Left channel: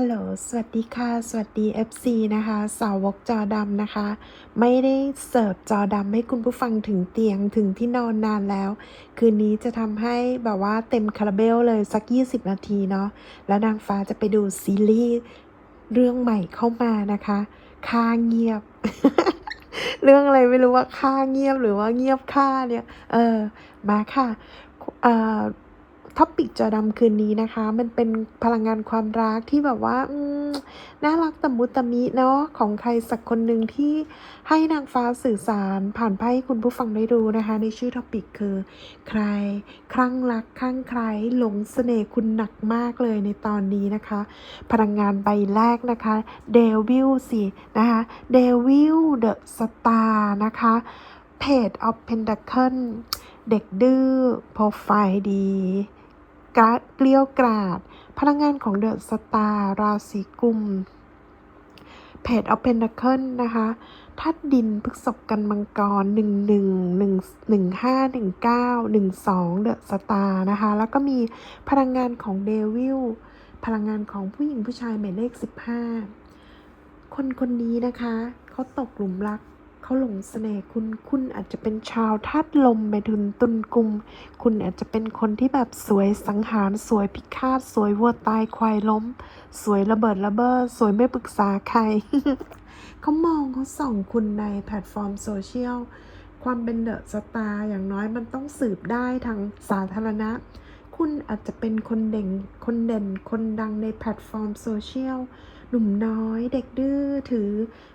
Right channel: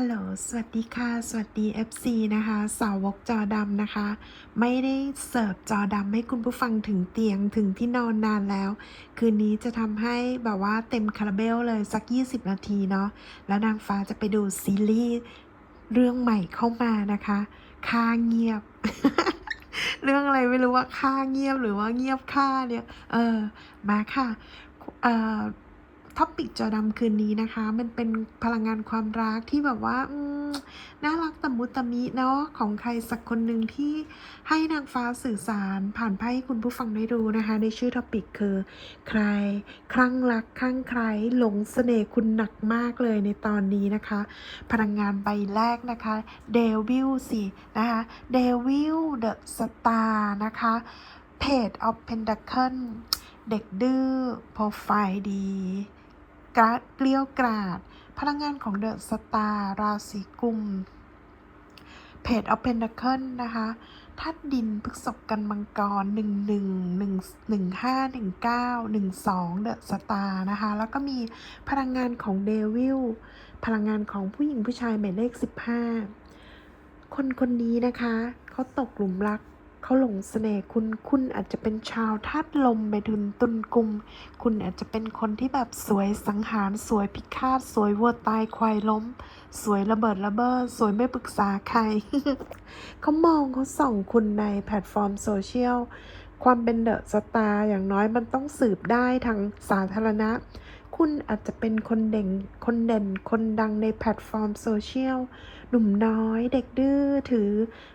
ฮัลโหล สวัสดีค่ะ สวัสดี FC นะคะ สาวกจอดำนะคะ ไม่ได้เสิร์ฟจอดำให้คุณผู้ฟังถึงเตียงถึงที่นอนนานแล้ว คืนนี้จะทำให้แบบว่าเต็มคาราเบลเลยสัก 20 นาทีเนาะ แล้วนางฟ้าจะไปดูซีรีส์เรื่องใหม่เข้ามานะคะค่าเงียบ เรื่องอะไรไม่รู้ว่าค่าเงียบหรือว่าเงียบค่าเนี่ย เออ มาค่ะ เอ่อ ท็อปิกจอดำคืนนี้นะคะ มันเป็นพลังงานความรักที่แบบว่าน่ารักตะมุตะมิเนาะของใครสักคนหนึ่งที่ให้นางฟ้าสื่อสารผ่านไพ่ให้คุณผู้ฟังได้รู้นะคะ ในชื่อท็อปิกคือ ใครคลั่งรักคลั่งใครหลงเสน่ห์คุณหนักมากเลยในตอนนี้นะคะ พลังงานใบแรกนะคะเดวิลสินะคะเดวิลเดอะสตาร์นะคะเพจออฟเพนดัคเคิลเด็กดื้อโปรไฟล์ดี กราดเกลียวกราด พลังงานของเดอะสตาร์ราศีกุมเพจออฟเพนดัคเคิลนะคะทัดดินพฤกษบกันมังกรหนึ่งหนึ่งหนึ่งหนึ่งห้าหนึ่งเก้าหนึ่งสองเดอะสตาร์นะคะ แล้วก็มีพลังงานของเดวิล พลังงานของผู้หญิงผู้ชายหมายเลข 15 คนคนนี้นะคะ เขาตกหลุมรัก เขาหลงเสน่ห์คุณ คุณอาจจะเป็นชาวธาตุลมไปถึงตุนกุม คุณอาจจะเป็นคนที่แบบสวยสังหาร สวยพิฆาต สวยวัวตายควายล้ม สวยระเบิดระเบ้อ สวยไม่ปรึกษาใคร เขามองเขาส่องคุณในแพลตฟอร์มโซเชียล ความเป็นเดอะสตาร์อย่างน้อยมันต้องสืบได้ทางสาธารณะ คุณอาจจะเป็นคนเด่น คนเด่น คนดังในแพลตฟอร์มโซเชียล หนุ่มน้อยเด็กดื้อถือ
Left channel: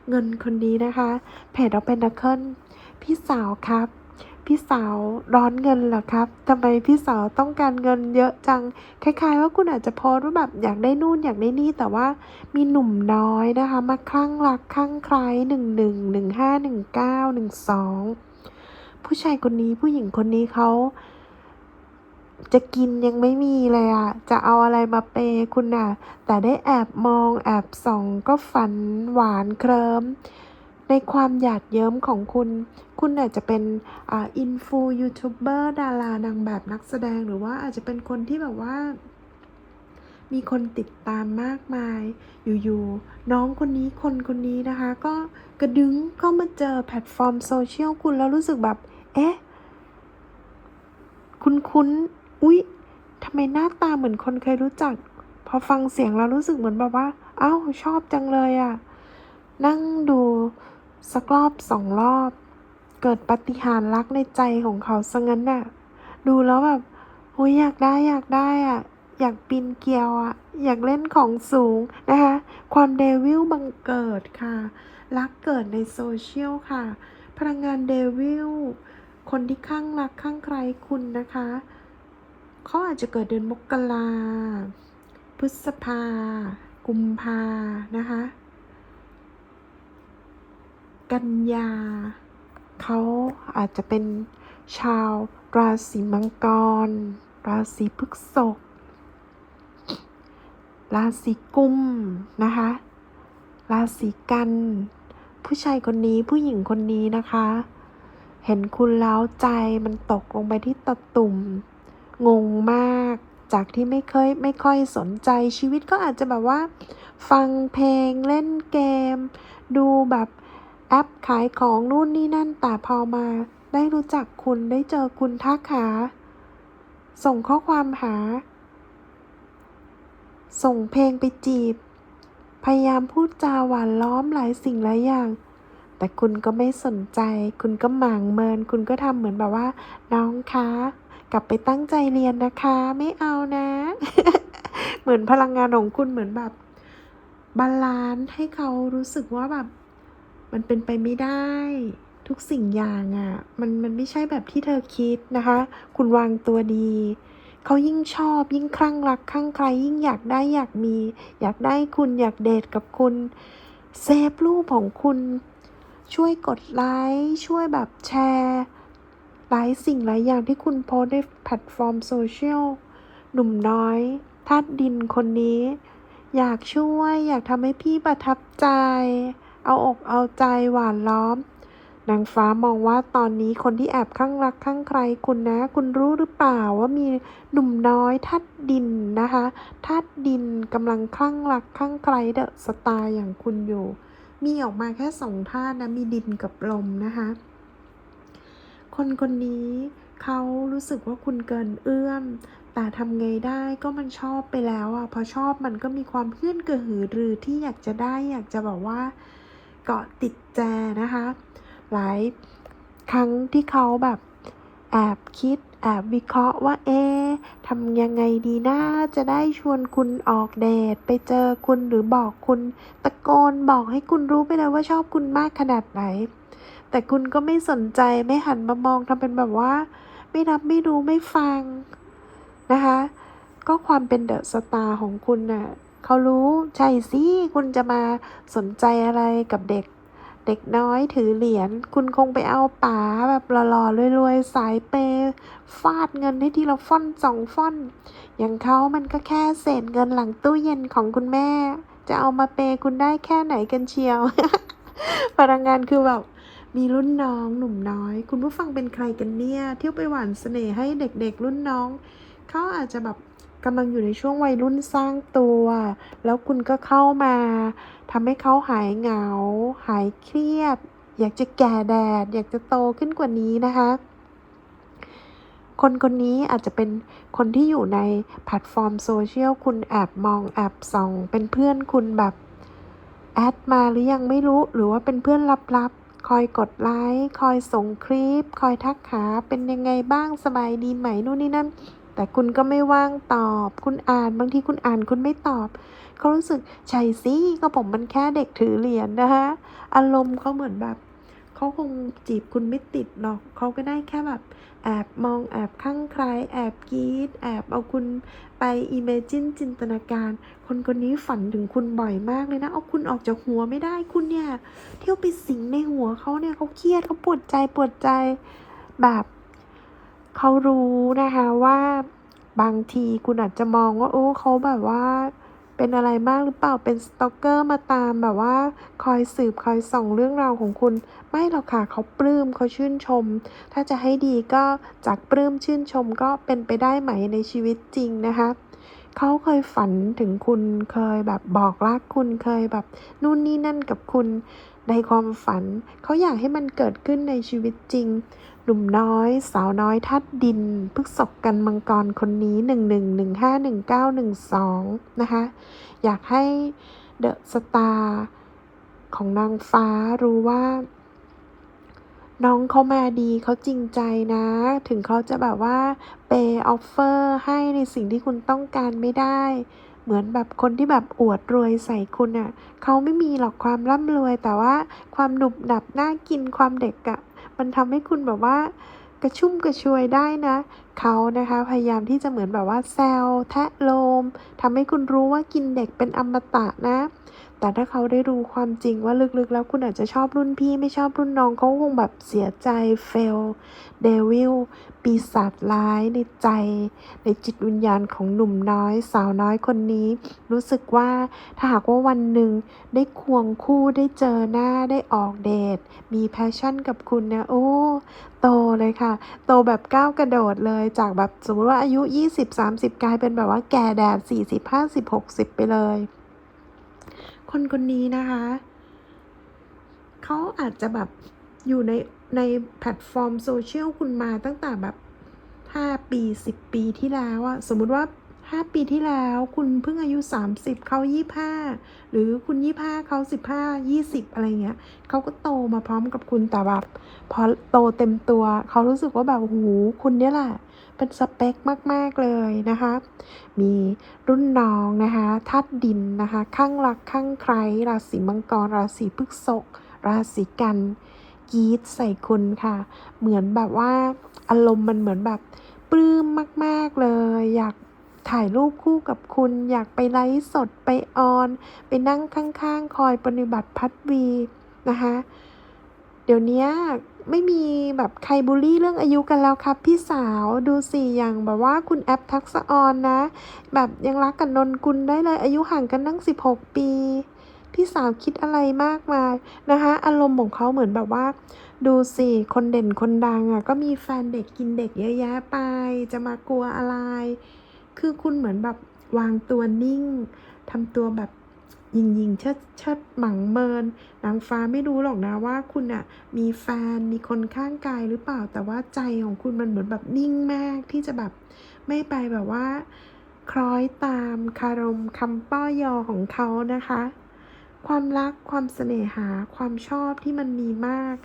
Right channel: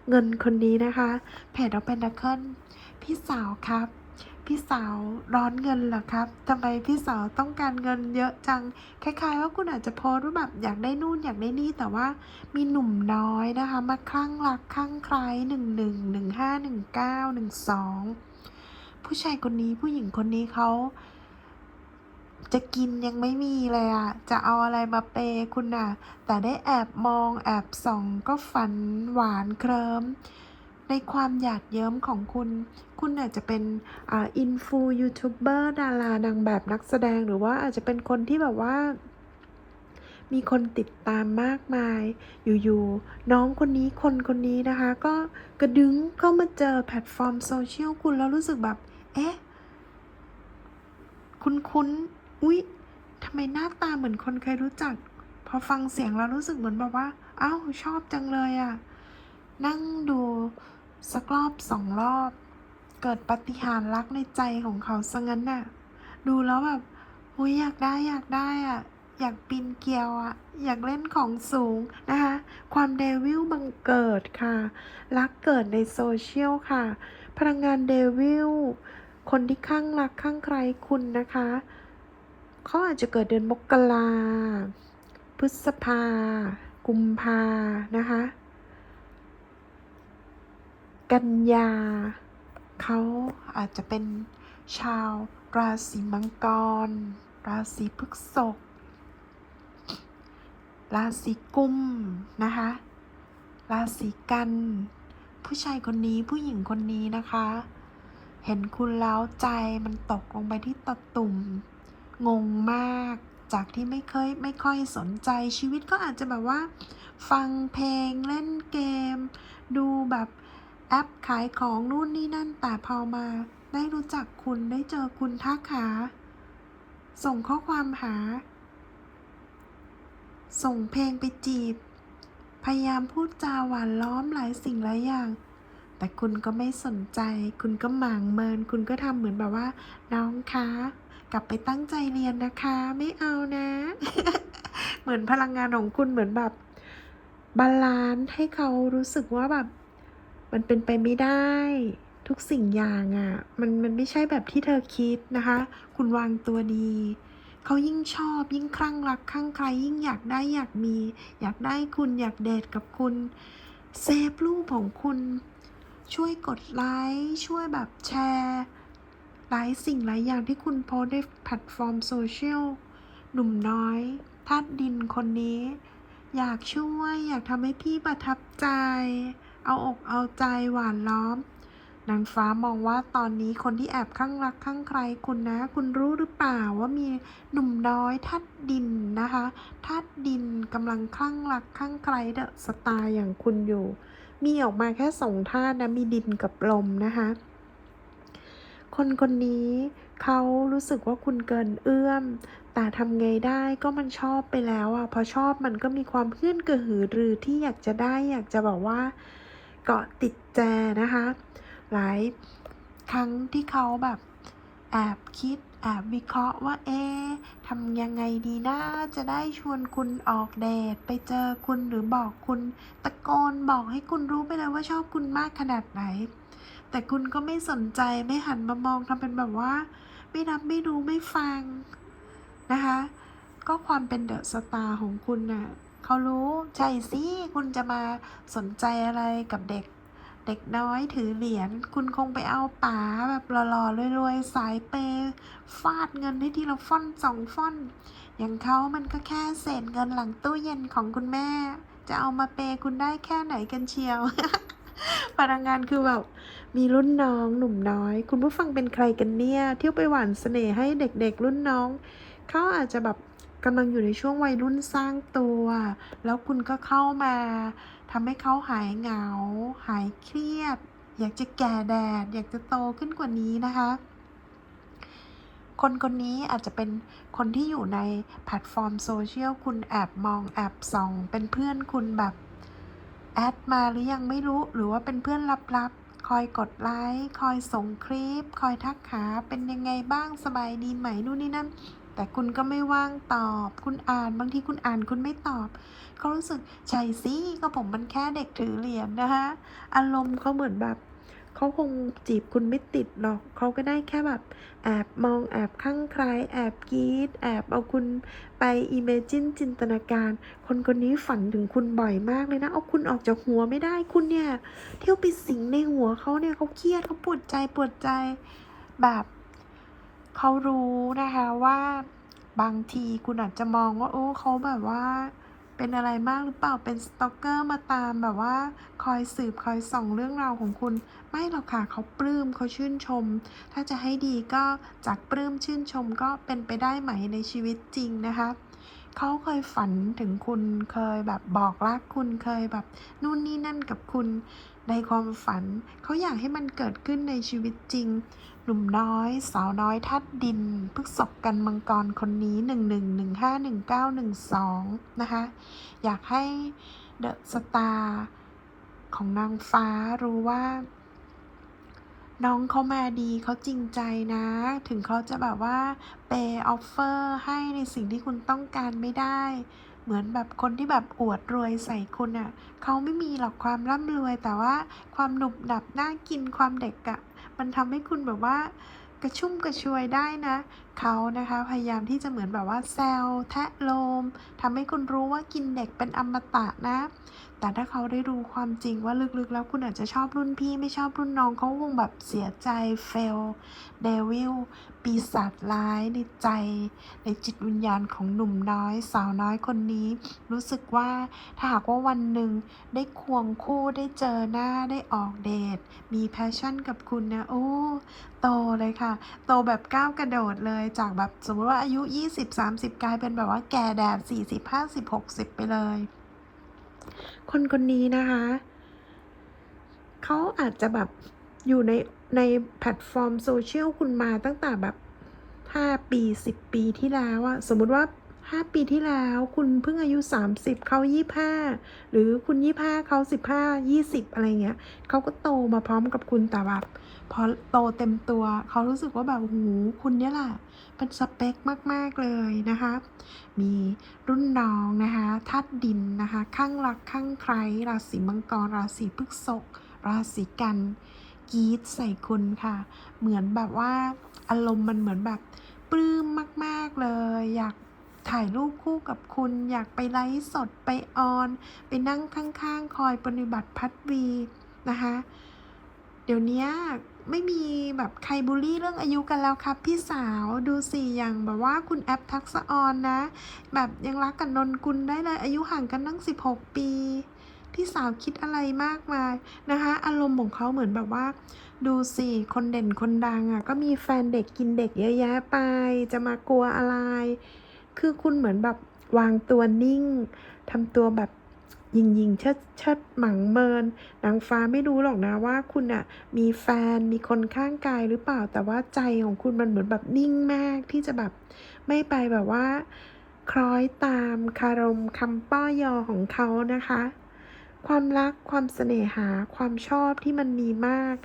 เงินคนนี้นะคะเพจเอาเป็นนักเคิลพี่สาวครับ พี่สาวร้อนเงินเหรอครับทำไมพี่สาวต้องการเงินเยอะจัง คล้าย ๆ ว่าคุณอาจจะโพสต์ว่าแบบอยากได้นู่นอยากได้นี่แต่ว่ามีหนุ่มน้อยนะคะ มาคลั่งรักคลั่งใคล้หนึ่งหนึ่งหนึ่งห้าหนึ่งเก้าหนึ่งสองผู้ชายคนนี้ผู้หญิงคนนี้เขา จะกินยังไม่มีเลยอะจะเอาอะไรมาเปย์คุณน่ะ แต่ได้แอบมองแอบส่องก็ฝันหวานเคลิ้มในความหยาดเยิ้มของคุณ คุณอาจจะเป็นอ่าอินฟูยูทูบเบอร์ดารานางแบบนักแสดงหรือว่าอาจจะเป็นคนที่แบบว่า มีคนติดตามมากมาย อยู่ๆ น้องคนนี้คนคนนี้นะคะ ก็กระดึงเข้ามาเจอแพลตฟอร์มโซเชียลคุณแล้วรู้สึกแบบ เอ๊ะ คุ้นๆ อุ๊ยทำไมหน้าตาเหมือนคนเคยรู้จัก พอฟังเสียงแล้วรู้สึกเหมือนแบบว่า เอ้า ชอบจังเลยอะ่ะ นั่งดูสักรอบสองรอบ เกิดปฏิหารรักในใจของเขาซะงั้นน่ะ ดูแล้วแบบโอ้ยอยากได้อยากได้อะ อยากปีนเกลียวอะ อยากเล่นของสูงนะคะ ความเดวิลบังเกิดค่ะ รักเกิดในโซเชียลค่ะ พลังงานเดวิลคนที่ข้างรักข้างใครคุณนะคะ เขาอาจจะเกิดเดือนมกราพฤษภา กุมภานะคะ กันยา เขาอาจจะเป็นชาวราศีมังกร ราศีพฤษภราศีกุมนะคะ ราศีกัน ผู้ชายคนนี้ผู้หญิงคนนี้นะคะ เห็นคุณแล้วใจมันตกลงไปที่ตะตุ่ม งงมาก จากที่ไม่เคยไม่ค่อยสนใจชีวิตก็อาจจะแบบว่า ฟังเพลงเล่นเกม ดูแบบแอปขายของนู่นนี่นั่น แต่พอมาได้รู้จักคุณได้เจอคุณทักหา ส่งข้อความหา ส่งเพลงไปจีบ พยายามพูดจาหวานล้อมหลายสิ่งหลายอย่าง แต่คุณก็ไม่สนใจ คุณก็หมางเมิน คุณก็ทำเหมือนแบบว่า น้องคะ กลับไปตั้งใจเรียนนะคะ ไม่เอานะ เหมือนพลังงานของคุณเหมือนแบบบาลานซ์ให้เขารู้สึกว่าแบบ มันเป็นไปไม่ได้ ทุกสิ่งอย่างอะ่ะ มันมันไม่ใช่แบบที่เธอคิดนะคะ คุณวางตัวดี เขายิ่งชอบยิ่งคลั่งรักคลั่งใครยิ่งอยากได้อยากมี อยากได้คุณอยากเดทกับคุณเซฟรูปของคุณ ช่วยกดไลค์ช่วยแบบแชร์ หลายสิ่งหลายอย่างที่คุณโพสในแพลตฟอร์มโซเชียล หนุ่มน้อยธาตุดินคนนี้ อยากช่วยอยากทำให้พี่ประทับใจ เอาอกเอาใจหวานล้อม นางฟ้ามองว่าตอนนี้คนที่แอบข้างรักข้างใครคุณนะ คุณรู้หรือเปล่าว่ามีหนุ่มน้อยทัดดินนะคะทัดดินกำลังข้างรักข้างใครเดอะสตาร์อย่างคุณอยู่ มีออกมาแค่สองธาตุนะมีดินกับลมนะคะ คนคนนี้เขารู้สึกว่าคุณเกินเอื้อม แต่ทำไงได้ก็มันชอบไปแล้วอะ พอชอบมันก็มีความเพื่อนกระหือรือที่อยากจะได้อยากจะแบบว่าเกาะติดแจนะคะ หลายครั้งที่เขาแบบแอบคิดแอบวิเคราะห์ว่าเอ๊ะทำยังไงดีนะจะได้ชวนคุณออกเดทไปเจอคุณหรือบอกคุณ ตะโกนบอกให้คุณรู้ไปเลยว่าชอบคุณมากขนาดไหน แต่คุณก็ไม่สนใจไม่หันมามองทำเป็นแบบว่า ไม่รับไม่รู้ไม่ฟังนะคะ ก็ความเป็นเดอะสตาร์ของคุณน่ะเขารู้ใช่สิคุณจะมาสนใจอะไรกับเด็ก เด็กน้อยถือเหรียญคุณคงไปเอาป๋าแบบหล่อๆรวยๆ สายเปย์ฟาดเงินให้ทีละฟ่อนสองฟ่อน อย่างเขามันก็แค่เศษเงินหลังตู้เย็นของคุณแม่ จะเอามาเปย์คุณได้แค่ไหนกันเชียวพนักงานคือแบบ มีรุ่นน้องหนุ่มน้อย คุณผู้ฟังเป็นใครกันเนี่ยเที่ยวไปหวานเสน่ห์ให้เด็กๆ รุ่นน้อง เขาอาจจะแบบกำลังอยู่ในช่วงวัยรุ่นสร้างตัว แล้วคุณก็เข้ามาทำให้เขาหายเหงา หายเครียด อยากจะแก่แดด อยากจะโตขึ้นกว่านี้นะคะ คนคนนี้อาจจะเป็นคนที่อยู่ในแพลตฟอร์มโซเชียลคุณแอบมองแอบส่อง เป็นเพื่อนคุณแบบแอดมาหรือยังไม่รู้หรือว่าเป็นเพื่อนลับ คอยกดไลค์คอยส่งคลิป คอยทักหาเป็นยังไงบ้างสบายดีไหมนู่นนี่นั่น แต่คุณก็ไม่ว่างตอบ คุณอ่านบางทีคุณอ่านคุณไม่ตอบเขารู้สึกใช่สิก็ผมมันแค่เด็กถือเหรียญนะคะอารมณ์เขาเหมือนแบบ เขาคงจีบคุณไม่ติดหรอกเขาก็ได้แค่แบบแอบมองแอบข้างใครแอบกรีดแอบเอาคุณไปอิเมจินจินตนาการ คนคนนี้ฝันถึงคุณบ่อยมากเลยนะ เอาคุณออกจากหัวไม่ได้คุณเนี่ย เที่ยวไปสิงในหัวเขาเนี่ยเขาเครียดเขาปวดใจปวดใจแบบเขารู้นะคะว่าบางทีคุณอาจจะมองว่า โอ้เขาแบบว่าเป็นอะไรมากหรือเปล่าเป็นสตอกเกอร์มาตามแบบว่า คอยสืบคอยส่องเรื่องราวของคุณ ไม่หรอกค่ะเขาปลื้มเขาชื่นชม ถ้าจะให้ดีก็จากปลื้มชื่นชมก็เป็นไปได้ไหมในชีวิตจริงนะคะเขาเคยฝันถึงคุณเคยแบบบอกรักคุณเคยแบบนู่นนี่นั่นกับคุณในความฝัน เขาอยากให้มันเกิดขึ้นในชีวิตจริง หนุ่มน้อย สาวน้อยทัดดินพฤกษบกันมังกรคนนี้ 1 1 1 5 1 9 1 2 นะคะ อยากให้เดอะสตาร์ของนางฟ้ารู้ว่า น้องเขามาดีเขาจริงใจนะ ถึงเขาจะแบบว่าเปย์ออฟเฟอร์ให้ในสิ่งที่คุณต้องการไม่ได้ เหมือนแบบคนที่แบบอวดรวยใส่คุณอะ่ะเขาไม่มีหรอกความร่ำรวย แต่ว่าความหนุบหนับน่ากินความเด็กอะ่ะมันทำให้คุณแบบว่ากระชุ่มกระชวยได้นะเขานะคะพยายามที่จะเหมือนแบบว่าแซวแทะโลมทำให้คุณรู้ว่ากินเด็กเป็นอมตะนะ แต่ถ้าเขาได้รู้ความจริงว่าลึกๆ แล้วคุณอาจจะชอบรุ่นพี่ไม่ชอบรุ่นน้องเขาคงแบบเสียใจเฟลเดวิลปีศาจร้ายในใจ ในจิตวิญญาณของหนุ่มน้อย สาวน้อยคนนี้ รู้สึกว่าถ้าหากว่าวันหนึ่งได้ควงคู่ได้เจอหน้าได้ออกเดท มีแพชชั่นกับคุณนะโอ้โตเลยค่ะ โตแบบก้าวกระโดดเลยจากแบบสมมติว่าอายุ 20-30 กลายเป็นแบบว่าแก่แดด 40-50-60 ไปเลย คนคนนี้นะคะ เขาอาจจะแบบอยู่ในในแพลตฟอร์มโซเชียลคุณมาตั้งแต่แบบ 5 ปี 10 ปีที่แล้วอะสมมุติว่า 5 ปีที่แล้ว คุณเพิ่งอายุ 30 เขา 25 หรือคุณ 25 เขา 15 20 อะไรเงี้ยเขาก็โตมาพร้อมกับคุณแต่แบบพอโตเต็มตัว เขารู้สึกว่าแบบโอ้โหคุณเนี่ยแหละ เป็นสเปคมาก ๆ เลยนะคะ มีรุ่นน้องนะคะธาตุดินนะคะข้างรักข้างใคร ราศีมังกร ราศีพฤษภราศีกันกีดใส่คุณค่ะ เหมือนแบบว่าอารมณ์มันเหมือนแบบปลื้มมาก ๆ เลย อยาก ถ่ายรูปคู่กับคุณ อยากไปไลฟ์สดไปออน ไปนั่งข้างๆ คอยปฏิบัติพัดวีนะคะ เดี๋ยวนี้ไม่มีแบบใครบูลลี่เรื่องอายุกันแล้วครับ พี่สาวดูสิอย่างแบบว่าคุณแอปทักษะออนนะ แบบยังรักกับนนกุลได้เลยอายุห่างกันตั้ง 16 ปี พี่สาวคิดอะไรมากมายนะคะ อารมณ์ของเขาเหมือนแบบว่า ดูสิคนเด่นคนดังอะก็มีแฟนเด็กกินเด็กเยอะแยะไป จะมากลัวอะไร คือคุณเหมือนแบบวางตัวนิ่งทำตัวแบบยิงยิงเชิดเชิดหมังเมินนางฟ้าไม่รู้หรอกนะว่าคุณอะมีแฟนมีคนข้างกายหรือเปล่า แต่ว่าใจของคุณมันเหมือนแบบนิ่งมากที่จะแบบไม่ไปแบบว่า คล้อยตามคารมคำป้อยอของเขานะคะ ความรักความเสน่หาความชอบที่มันมีมาก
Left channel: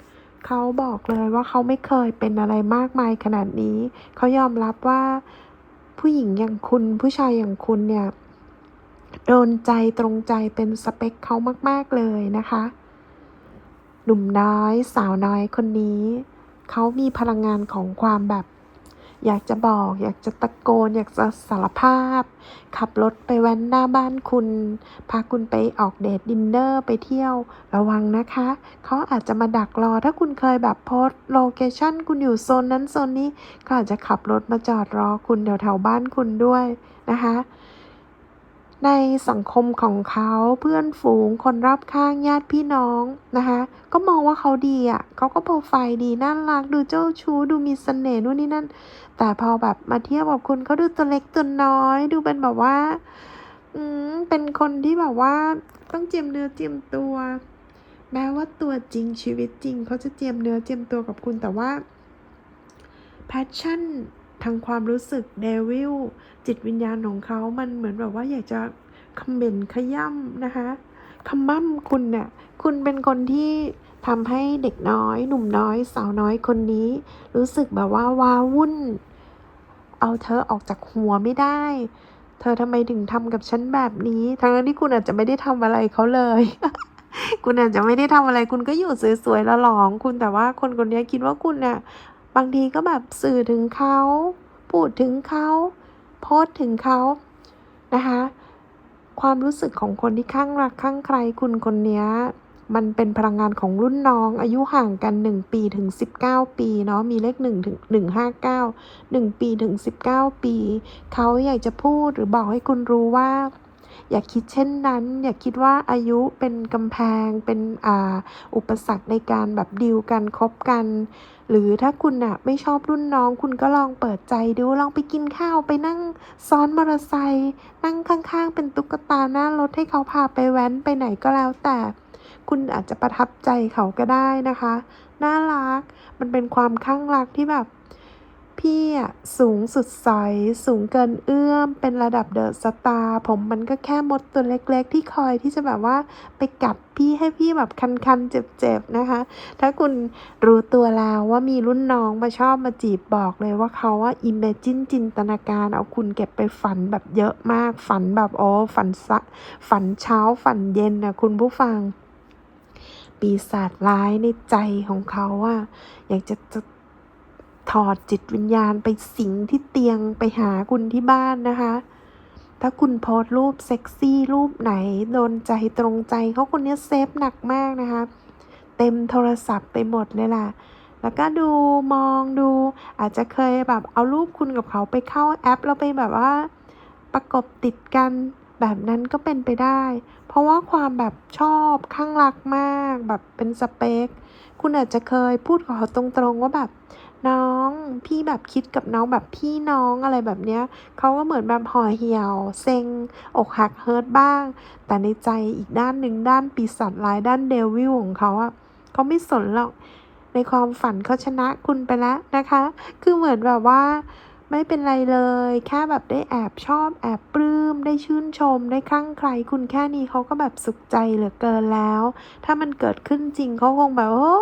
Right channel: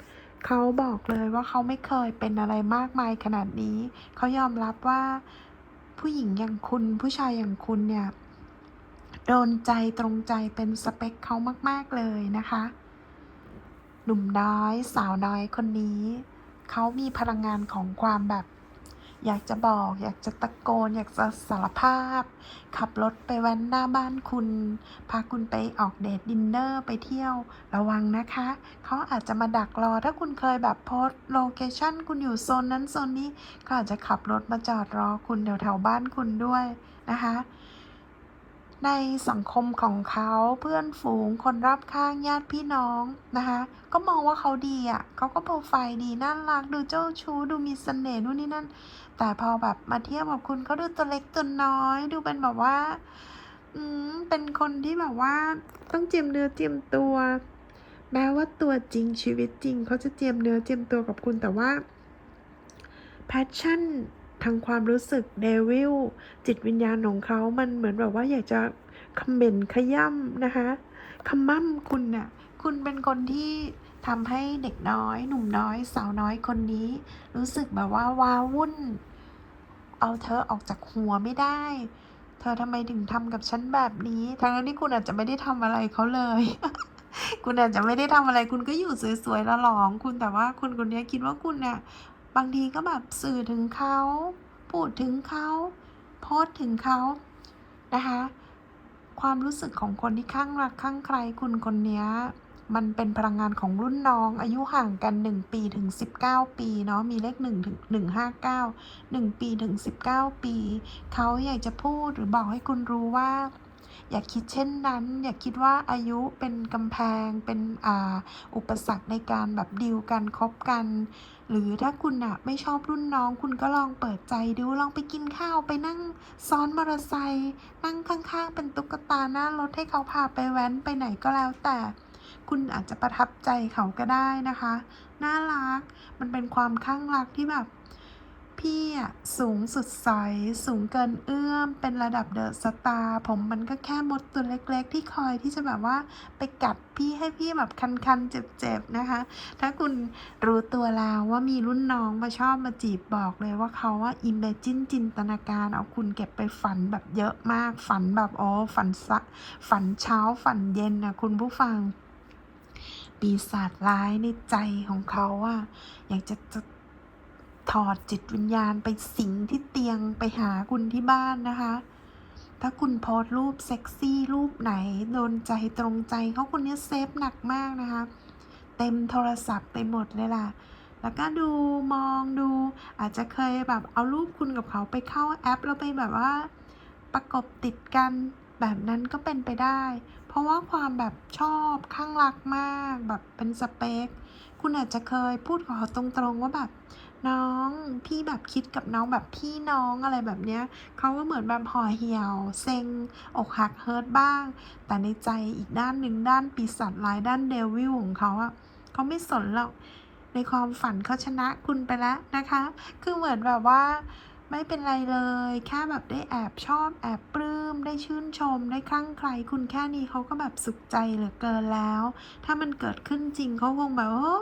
เขาบอกเลยว่าเขาไม่เคยเป็นอะไรมากมายขนาดนี้ เขายอมรับว่า ผู้หญิงอย่างคุณผู้ชายอย่างคุณเนี่ยโดนใจตรงใจเป็นสเปคเขามาก ๆ เลยนะคะ หนุ่มน้อยสาวน้อยคนนี้ เขามีพลังงานของความแบบ อยากจะบอก อยากจะตะโกน อยากจะสารภาพ ขับรถไปแว้นหน้าบ้านคุณ พาคุณไปออกเดทดินเนอร์ไปเที่ยว ระวังนะคะ เขาอาจจะมาดักรอถ้าคุณเคยแบบโพสโลเคชั่นคุณอยู่โซนนั้นโซนนี้ก็อาจจะขับรถมาจอดรอคุณแถวๆบ้านคุณด้วยนะคะ ในสังคมของเขาเพื่อนฝูงคนรอบข้างญาติพี่น้องนะคะ ก็มองว่าเขาดีอะเขาก็โปรไฟล์ดีน่ารักดูเจ้าชู้ดูมีเสน่ห์นู่นนี่นั่น แต่พอแบบมาเทียบกับคุณเขาดูตัวเล็กตัวน้อย ดูเป็นแบบว่า อืมเป็นคนที่แบบว่าต้องเจียมเนื้อเจียมตัว แม้ว่าตัวจริงชีวิตจริงเขาจะเจียมเนื้อเจียมตัวกับคุณแต่ว่าแพชชั่นทางความรู้สึกเดวิลจิตวิญญาณของเขามันเหมือนแบบว่าอยากจะคอมเมนต์ขย่ำนะคะคำมั่มคุณเนี่ย คุณเป็นคนที่ ทำให้เด็กน้อย หนุ่มน้อย สาวน้อยคนนี้ รู้สึกแบบว่าว้าวุ่น เอาเธอออกจากหัวไม่ได้ เธอทำไมถึงทำกับฉันแบบนี้ ทั้งที่คุณอาจจะไม่ได้ทำอะไรเขาเลย คุณอาจจะไม่ได้ทำอะไร คุณก็อยู่สวยๆแล้วหลองคุณแต่ว่าคนคนนี้คิดว่าคุณเนี่ยบางทีก็แบบสื่อถึงเขา พูดถึงเขาโพสถึงเขานะคะ ความรู้สึกของคนที่ข้างรักข้างใครคุณคนเนี้ย มันเป็นพลังงานของรุ่นน้อง อายุห่างกัน 1 ปีถึง 19 ปีเนาะมีเลข1ถึง159 1 ปีถึง 19 ปี เขาอยากจะพูดหรือบอกให้คุณรู้ว่า อย่าคิดเช่นนั้น อย่าคิดว่าอายุเป็นกำแพงเป็นอ่าอุปสรรคในการแบบดีลกันคบกัน หรือถ้าคุณอะไม่ชอบรุ่นน้อง คุณก็ลองเปิดใจดูลองไปกินข้าวไปนั่งซ้อนมอเตอร์ไซค์นั่งข้างๆ เป็นตุ๊กตาหน้ารถให้เขาพาไปแว้นไปไหนก็แล้วแต่ คุณอาจจะประทับใจเขาก็ได้นะคะ น่ารัก มันเป็นความข้างรักที่แบบ พี่อะสูงสุดใส สูงเกินเอื้อม เป็นระดับเดอะสตาร์ผมมันก็แค่มดตัวเล็กๆ ที่คอยที่จะแบบว่าไปกัดพี่ให้พี่แบบคันๆ เจ็บๆ นะคะ ถ้าคุณรู้ตัวแล้วว่ามีรุ่นน้องมาชอบมาจีบบอกเลยว่าเขาว่าอิมเมจินจินตนาการเอาคุณเก็บไปฝันแบบเยอะมาก ฝันแบบโอ้ฝันสะฝันเช้าฝันเย็นนะคุณผู้ฟัง ปีศาจร้ายในใจของเขาอะอยากจะจะถอดจิตวิญญาณไปสิงที่เตียงไปหาคุณที่บ้านนะคะ ถ้าคุณโพสต์รูปเซ็กซี่รูปไหนโดนใจตรงใจเขาคนนี้เซฟหนักมากนะคะ เต็มโทรศัพท์ไปหมดเลยล่ะ แล้วก็ดูมองดู อาจจะเคยแบบเอารูปคุณกับเขาไปเข้าแอป แล้วไปแบบว่า ประกบติดกันแบบนั้นก็เป็นไปได้ ราะว่าความแบบชอบข้างรักมากแบบเป็นสเปค คุณอาจจะเคยพูดกับเขาตรงๆว่าแบบน้องพี่แบบคิดกับน้องแบบพี่น้องอะไรแบบเนี้ยเขาก็เหมือนแบบห่อเหี่ยว เซ็ง อกหักเฮิร์ตบ้าง แต่ในใจอีกด้านหนึ่งด้านปีศาจร้ายด้านเดวิลของเขาอะเขาไม่สนหรอกในความฝันเขาชนะคุณไปแล้วนะคะ คือเหมือนแบบว่า ไม่เป็นไรเลย แค่แบบได้แอบชอบ แอบปลื้ม ได้ชื่นชม ได้คลั่งใครคุณแค่นี้เขาก็แบบสุขใจเหลือเกินแล้ว ถ้ามันเกิดขึ้นจริงเขาคงแบบโอ้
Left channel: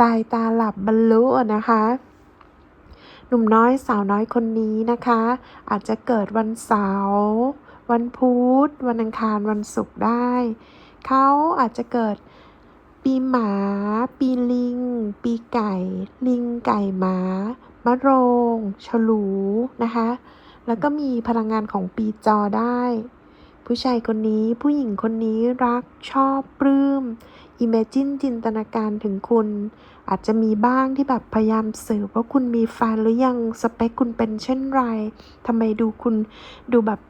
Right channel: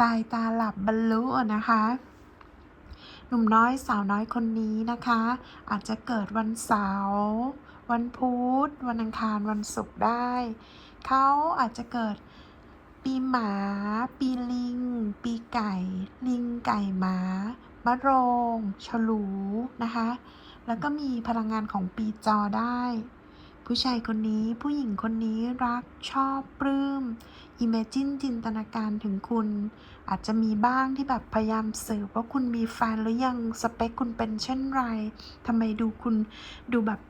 ตายตาหลับบรรลุนะคะหนุ่มน้อยสาวน้อยคนนี้นะคะ อาจจะเกิดวันเสาร์วันพุธวันอังคารวันศุกร์ได้ เขาอาจจะเกิดปีหมา ปีลิง ปีไก่ ลิงไก่หมา มะโรง ฉลูนะคะ แล้วก็มีพลังงานของปีจอได้ ผู้ชายคนนี้ผู้หญิงคนนี้รักชอบปลื้มอิมเมจินจินตนาการถึงคุณ อาจจะมีบ้างที่แบบพยายามสืบว่าคุณมีแฟนหรือยังสเปคคุณเป็นเช่นไรทำไมดูคุณดูแบบ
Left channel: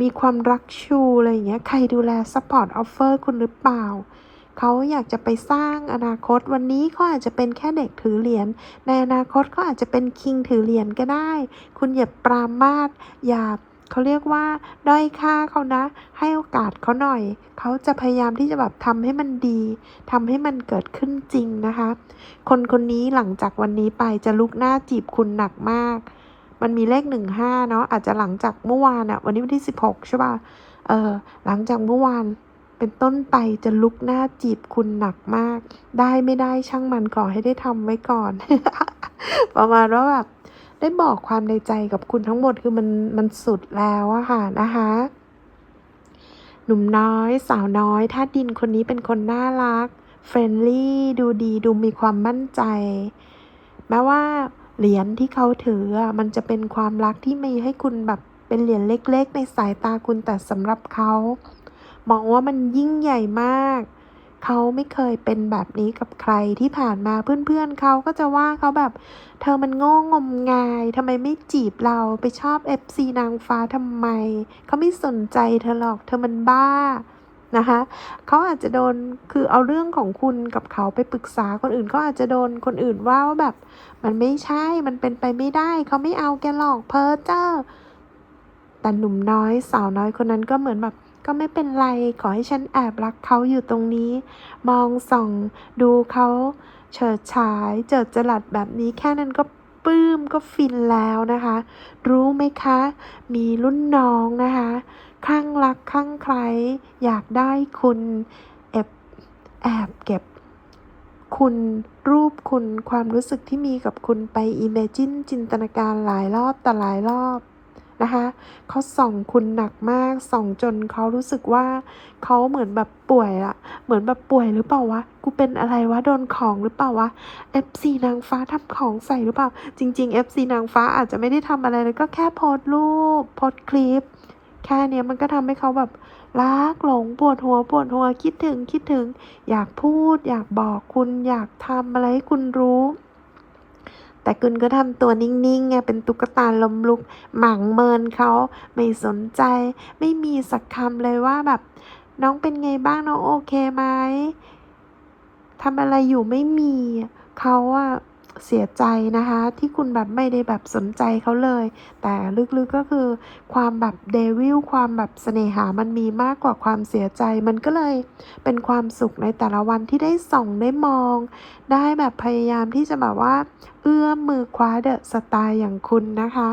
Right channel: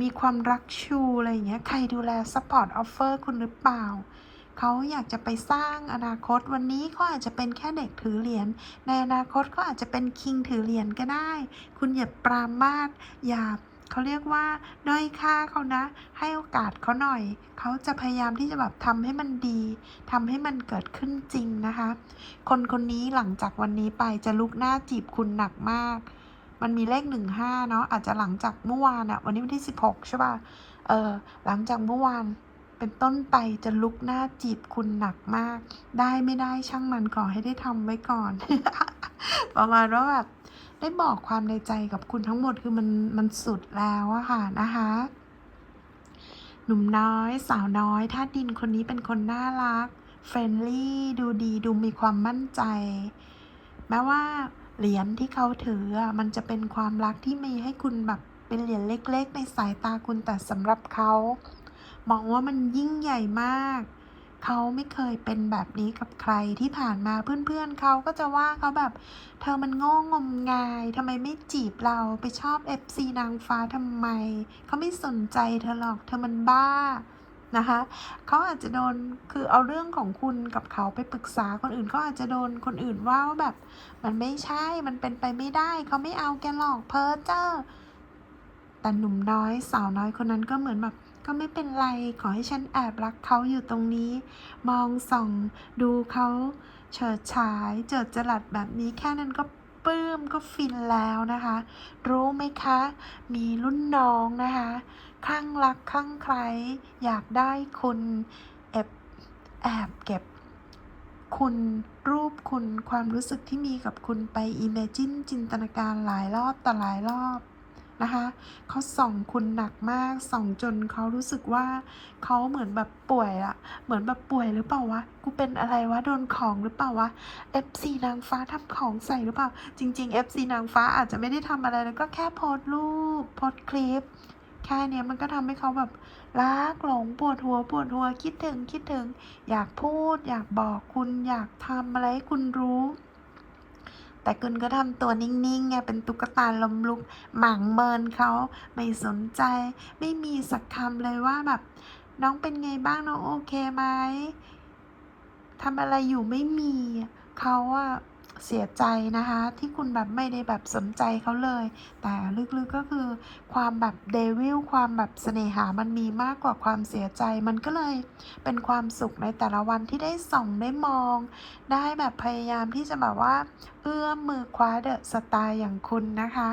มีความรักชูอะไรอย่างเงี้ย ใครดูแลซัพพอร์ตออฟเฟอร์คุณหรือเปล่า เขาอยากจะไปสร้างอนาคตวันนี้เขาอาจจะเป็นแค่เด็กถือเหรียญในอนาคตเขาอาจจะเป็นคิงถือเหรียญก็ได้ คุณอย่าปรามาสอย่าเขาเรียกว่าด้อยค่าเขานะ ให้โอกาสเขาหน่อย เขาจะพยายามที่จะแบบทำให้มันดี ทำให้มันเกิดขึ้นจริงนะคะ คนคนนี้หลังจากวันนี้ไปจะลุกหน้าจีบคุณหนักมาก มันมีเลขหนึ่งห้าเนาะ อาจจะหลังจากเมื่อวานอะวันนี้วันที่สิบหกใช่ป่ะ เออ หลังจากเมื่อวาน เป็นต้นไปจะลุกหน้าจีบคุณหนักมาก ได้ไม่ได้ช่างมันขอให้ได้ทำไว้ก่อน ประมาณว่าแบบได้บอกความในใจกับคุณทั้งหมดคือมันมันสุดแล้วอะค่ะนะคะหนุ่มน้อย สาวน้อยท่าดินคนนี้เป็นคนน่ารักเฟรนลี่ดูดีดูมีความมั่นใจ แม้ว่าเหรียญที่เขาถืออะมันจะเป็นความรักที่มีให้คุณแบบเป็นเหรียญเล็ก ๆ ในสายตาคุณแต่สำหรับเขา มองว่ามันยิ่งใหญ่มาก เขาไม่เคยเป็นแบบนี้กับใครที่ผ่านมาเพื่อนๆเขาก็จะว่าเขาแบบ เธอมันโง่งมงายทำไมไม่จีบเราไปชอบ FC นางฟ้าทำไม เขาไม่สนใจเธอหรอกเธอมันบ้านะคะเขาอาจจะโดนคือเอาเรื่องของคุณกับเขาไปปรึกษาคนอื่นเขาอาจจะโดนคนอื่นว่าว่าแบบ มันไม่ใช่มันเป็นไปไม่ได้ เขาไม่เอาแกหรอกเพ้อเจ้าแต่หนุ่มน้อยสาวน้อยคนนั้นก็เหมือนแบบ ก็ไม่เป็นไร ขอให้ฉันแอบรักเขาอยู่ตรงนี้ มองส่องดูเขาเฉิดฉาย เจิดจรัสแบบนี้แค่นั้นก็ปลื้มก็ฟินแล้วนะคะ รู้ไหมคะ มีรุ่นน้องนะคะคลั่งรักคลั่งใคร อยากได้คุณแอบแอบเก็บ คุณรูปคุณความรู้สึกที่มีกับคุณไป Imagine จินตนาการหลายรอบแต่หลายรอบ นะคะเขาส่องคุณหนักมากส่องจนเขารู้สึกว่าเขาเหมือนแบบป่วยอะเหมือนแบบป่วยหรือเปล่าวะกูเป็นอะไรวะโดนของหรือเปล่าวะ FC นางฟ้าทำของใส่หรือเปล่า จริง ๆ FC นางฟ้าอาจจะไม่ได้ทำอะไรเลยก็แค่โพสรูปโพสคลิปแค่เนี้ยมันก็ทำให้เขาแบบรักหลงปวดหัวปวดหัวคิดถึงคิดถึง อยากพูด อยากบอกคุณอยากทำอะไรให้คุณรู้ แต่คุณก็ทำตัวนิ่งๆไงเป็นตุ๊กตาลมลุก หมั่งเมินเขาไม่สนใจ ไม่มีสักคำเลยว่าแบบ น้องเป็นไงบ้างน้องโอเคไหมทำอะไรอยู่ไม่มีเขาอะเสียใจนะคะ ที่คุณแบบไม่ได้แบบสนใจเขาเลย แต่ลึกๆก็คือความแบบเดวิลความแบบเสน่หามันมีมากกว่าความเสียใจ มันก็เลยเป็นความสุขในแต่ละวันที่ได้ส่องได้มอง ได้แบบพยายามที่จะแบบว่า เอื้อมมือคว้าเดอะสไตล์อย่างคุณนะคะ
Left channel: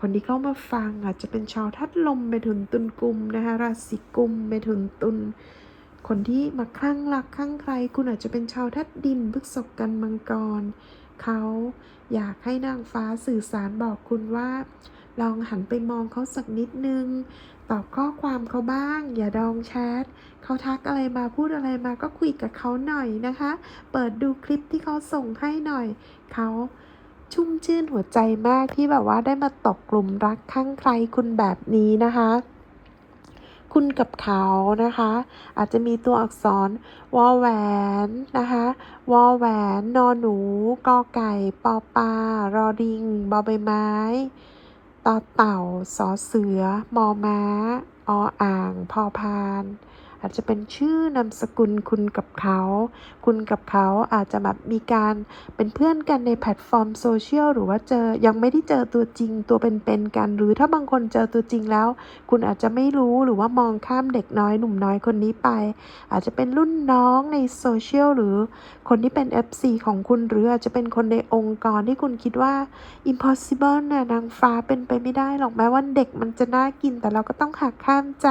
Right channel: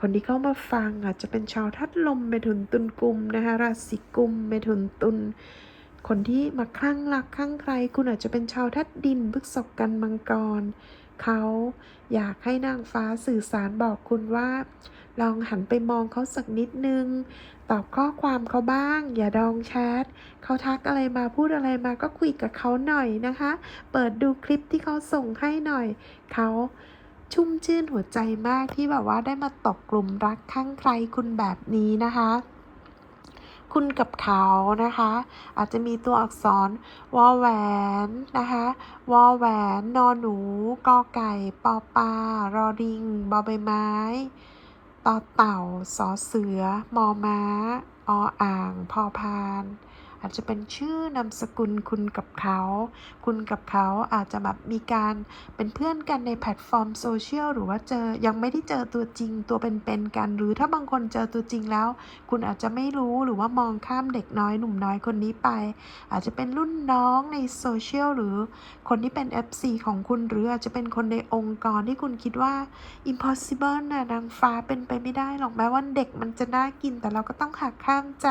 คนที่เข้ามาฟังอาจจะเป็นชาวทัดลมเมถุนตุนกุมนะคะราศีกุมเมถุนตุนคนที่มาคลั่งรักคลั่งใคร คุณอาจจะเป็นชาวทัดดินพฤษบกันมังกรเขาอยากให้นางฟ้าสื่อสารบอกคุณว่า ลองหันไปมองเขาสักนิดนึง ตอบข้อความเขาบ้าง อย่าดองแชทเขาทักอะไรมาพูดอะไรมาก็คุยกับเขาหน่อยนะคะ เปิดดูคลิปที่เขาส่งให้หน่อยเขาชุ่มชื่นหัวใจมากที่แบบว่าได้มาตกกลุ่มรักข้างใครคุณแบบนี้นะคะ คุณกับเขานะคะ อาจจะมีตัวอักษรวอแหวนนะคะวอแหวน นอหนูกอไก่ ปอปลารอริงบอใบไม้ ต่อเต่าสอเสือมอม้า ออ่าง พอพาน อาจจะเป็นชื่อนามสกุลคุณกับเขา คุณกับเขาอาจจะแบบมีการเป็นเพื่อนกันในแพลตฟอร์มโซเชียลหรือว่าเจอยังไม่ได้เจอตัวจริงตัวเป็นๆกัน หรือถ้าบางคนเจอตัวจริงแล้ว คุณอาจจะไม่รู้หรือว่ามองข้ามเด็กน้อยหนุ่มน้อยคนนี้ไป อาจจะเป็นรุ่นน้องในโซเชียลหรือคนที่เป็น FC ของคุณหรืออาจจะเป็นคนในองค์กรที่คุณคิดว่า impossible นะนางฟ้าเป็นไปไม่ได้หรอกแม้ว่าเด็กมันจะน่ากินแต่เราก็ต้องหักข้ามใจ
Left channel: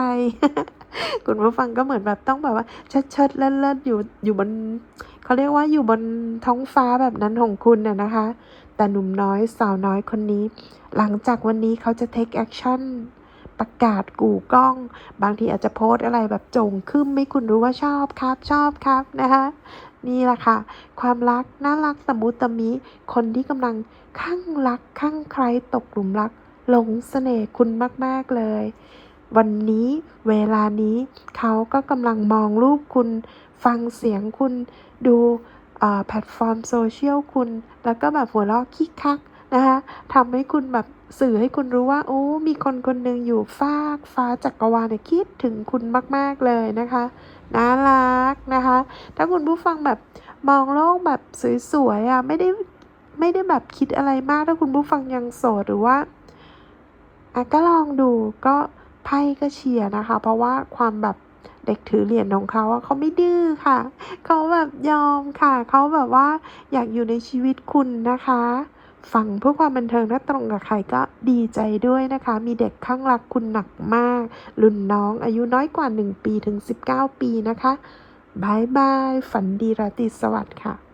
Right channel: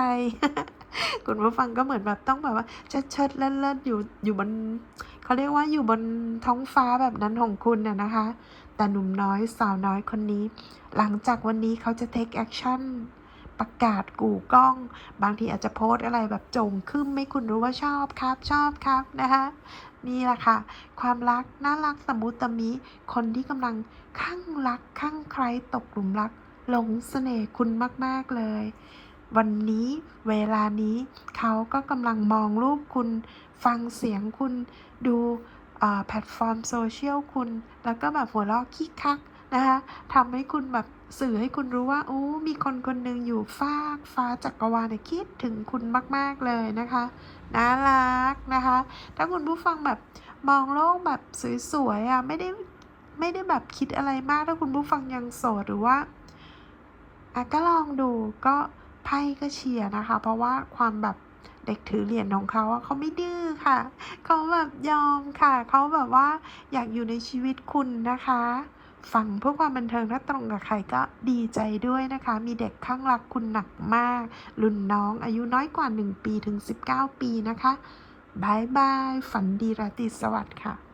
คุณผู้ฟังก็เหมือนแบบต้องแบบว่าเชิดเชิดเลิศเลิศๆอยู่อยู่บนเขาเรียกว่าอยู่บนท้องฟ้าแบบนั้นของคุณน่ะนะคะ แต่หนุ่มน้อยสาวน้อยคนนี้ หลังจากวันนี้เขาจะ take action ประกาศกู่กล้อง บางทีอาจจะโพสอะไรแบบจงขึ้นไม่คุณรู้ว่าชอบครับ ชอบครับนะคะ นี่แหละค่ะ ความรักน่ารักตะมุตมิ คนที่กำลังข้างรักข้างใครตกหลุมรักหลงเสน่ห์คุณมาก ๆ เลย วันนี้เวลานี้เขาก็กำลังมองรูปคุณฟังเสียงคุณดูแพลตฟอร์มโซเชียลคุณ แล้วก็แบบหัวเราะคิกคักนะคะทำให้คุณแบบสื่อให้คุณรู้ว่า โอ้ มีคนคนหนึ่งอยู่ฟากฟ้าจักรวาลเนี่ยคิดถึงคุณมาก ๆ เลยนะคะน่ารักนะคะ ถ้าคุณผู้ฟังแบบมองโลกแบบสวยๆอะไม่ได้ไม่ได้แบบคิดอะไรมากถ้าคุณผู้ฟังยังโสดหรือว่าอะก็ลองดูก็ ไพ่ก็เชียร์นะคะ เพราะว่าความแบบเด็กถือเหรียญของเขาเขาไม่ดื้อค่ะ เขาแบบยอมค่ะ เขาแบบว่าอยากอยู่ในชีวิตคุณนะคะฟังเพื่อความบันเทิงถ้าตรงกับใครก็ดีใจด้วยนะคะ มีเด็กข้างรักคุณหนักมาก รุ่นน้องอายุน้อยกว่า 1 ปีถึง 19 ปีนะคะบายบาย ฝันดีราตรีสวัสดิ์ค่ะ